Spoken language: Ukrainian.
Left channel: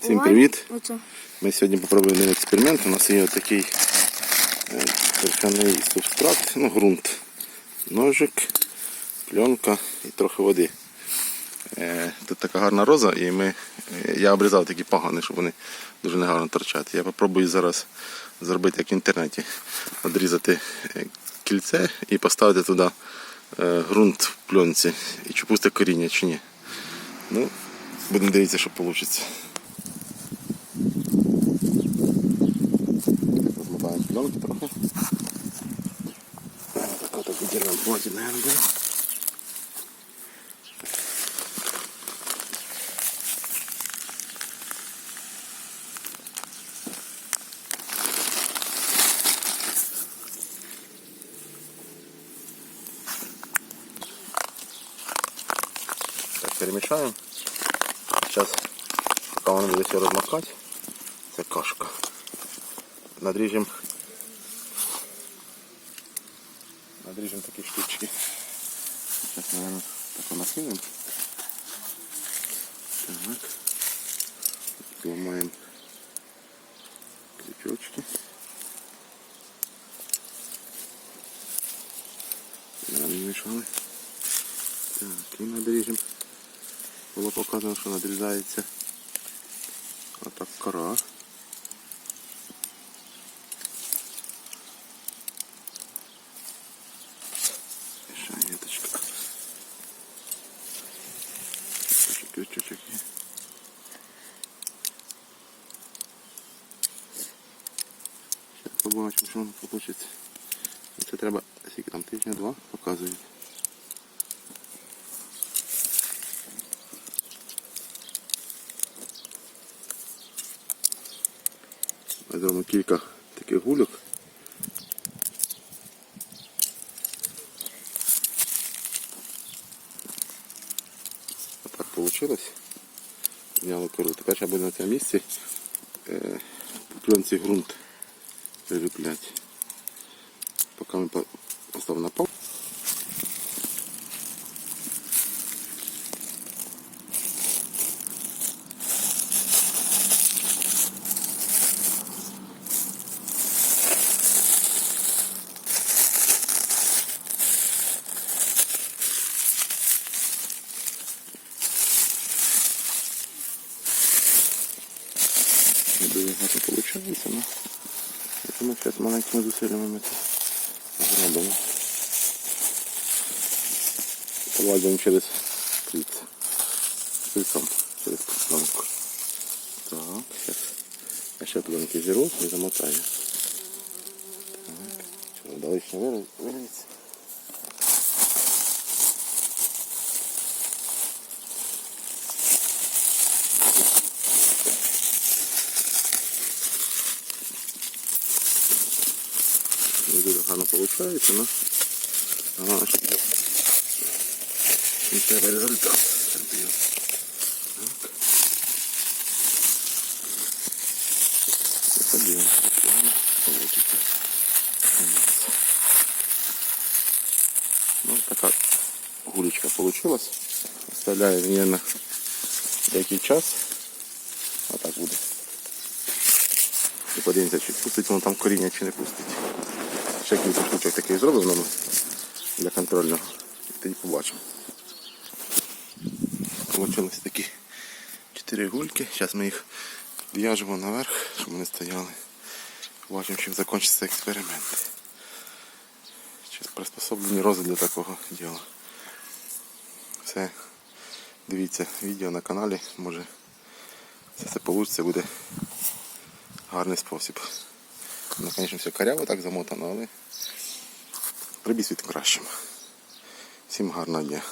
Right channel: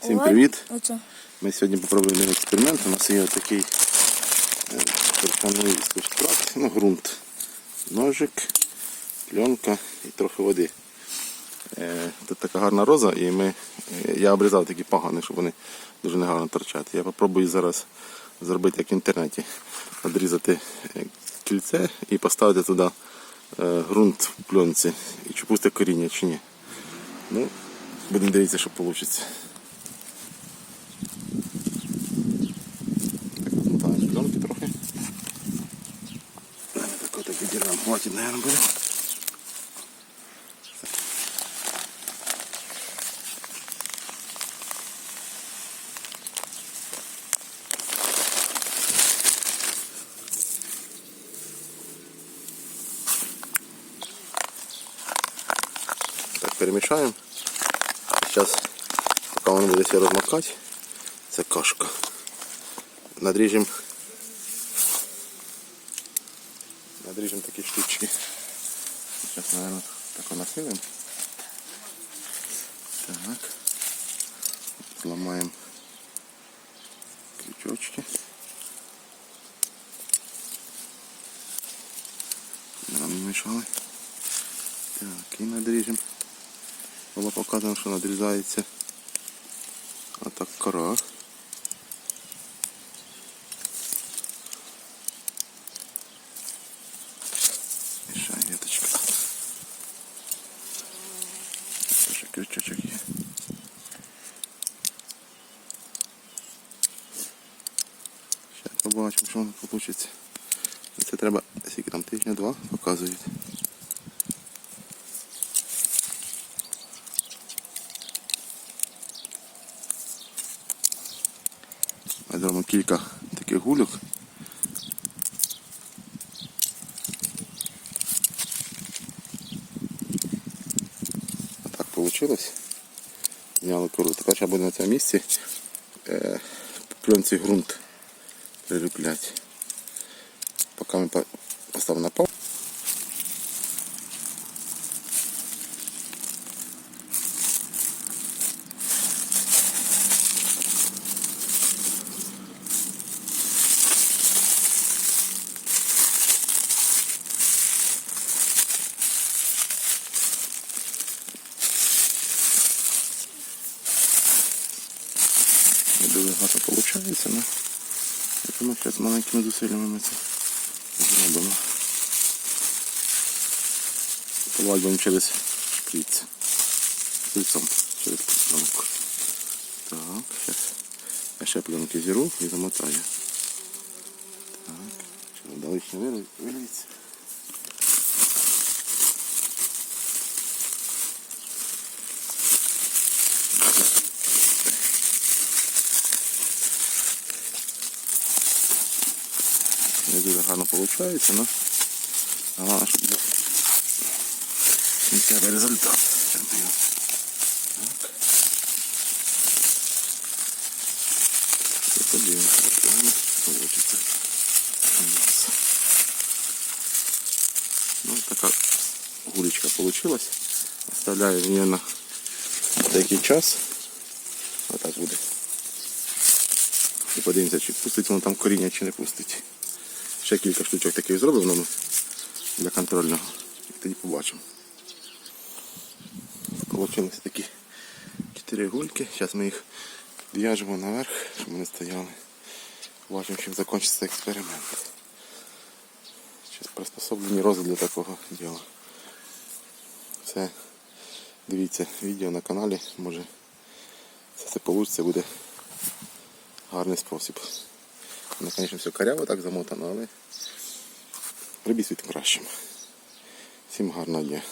Всім привіт! Ми сьогодні попробуємо один експеримент. У нас є такий е, торфяний субстрат, ну, ґрунт, ножик, пленка і трохи води. Е, Тут така гарна роза, і ми, е, я обрізав такі пагани, щоб вони дуже негарно торчати. Я попробую зараз зробити як в інтернеті. Одрізати е, кільце і поставити туди е, ґрунт в пленці. І чи пусте коріння, чи ні. Ну, будемо дивитися, що вийде. Там пленки трохи. Так от відірвемо, хватить, наверное, буде. Так, перемішаємо. Зараз, поки воно буде все розмокати, це кашка. Надріжемо надріжемо такі штучки. Зараз, наверное, так насилимо. Так. Зламаємо крючочки. Намішали. Так, і надріжемо. Було показано, що надрізається отак кора. Крючочок є. Зараз побачимо, що воно вийде. Це треба, скільки там тижня два показують. Ми зробимо кілька таких гульок. Так вийшло. Зняли кору. Тепер ще буду на цьому місці е, пленці ґрунт прилюплять. Поки ми по- поставимо на пол. Дуже гарно виходить, це ми зараз маленькими зусиллями це зробимо. Проводимо через шприц. Шприцем через пленку. Так, зараз я ще пленки зіру і замотаю. Так, що далі ще виліться. Не дуже гарно виходить, але головне, щоб кінцевий результат. Зробив. Так. Подивимося, як правильно вийде. Ось. Ну, така гулечка вийшла. Оставляю її на деякий час. Отак буде. І подивимося, чи пустить воно там коріння, чи пустить. Ще кілька штучок таких зроблено для контролю. І тоді побачимо. Получились такі чотири гульки. Зараз ми їх в'яжемо наверх, щоб вони стояли. Побачимо, чим закінчиться експеримент. Чи приспособлені рози для такого діла. Це дивіться відео на каналі, може це все вийде, буде гарний спосіб. Ну, звісно, все коряво так замотано, але прибіс світ кращим. Всім гарного дня.